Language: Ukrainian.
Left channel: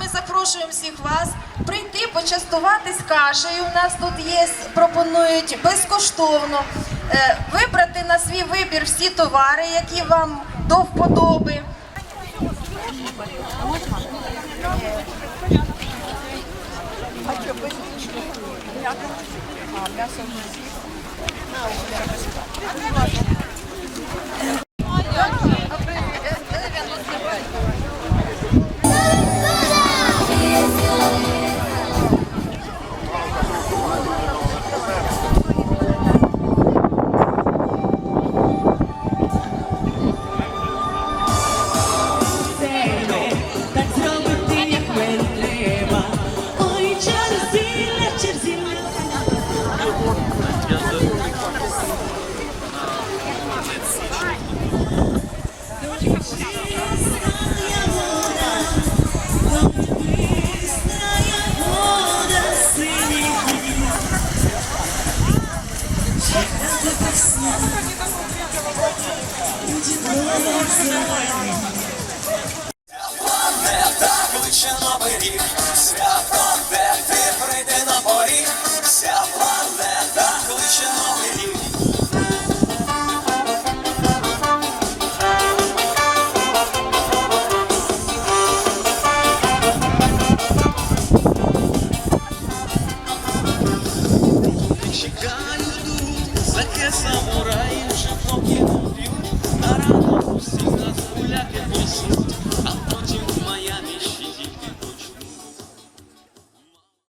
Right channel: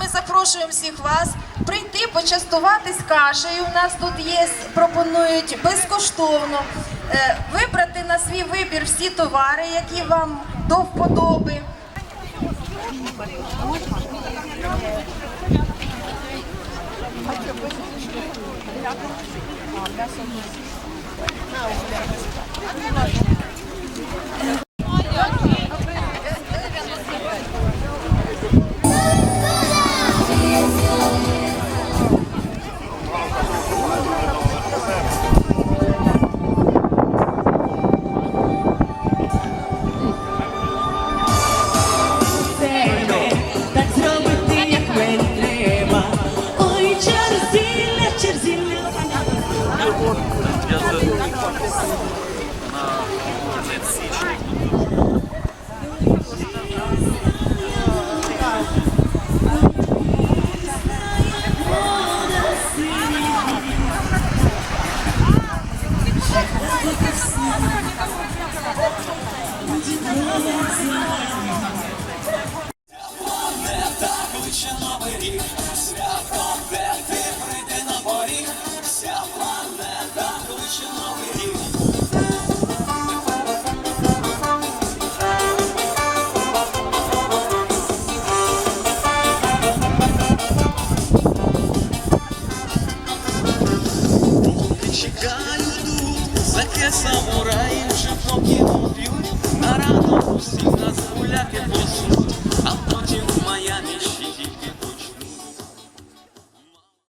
ми запрошуємо всіх вас прийти почастуватись кашею. У нас тут є, пропонують безкоштовно е, вибрати на свій вибір всі товари, які вам до вподоби. себе, Вода синіх Кличе новий рік, свято, чекають тут, заке самураї вже поки п'ють, на раду усіх нас гуляки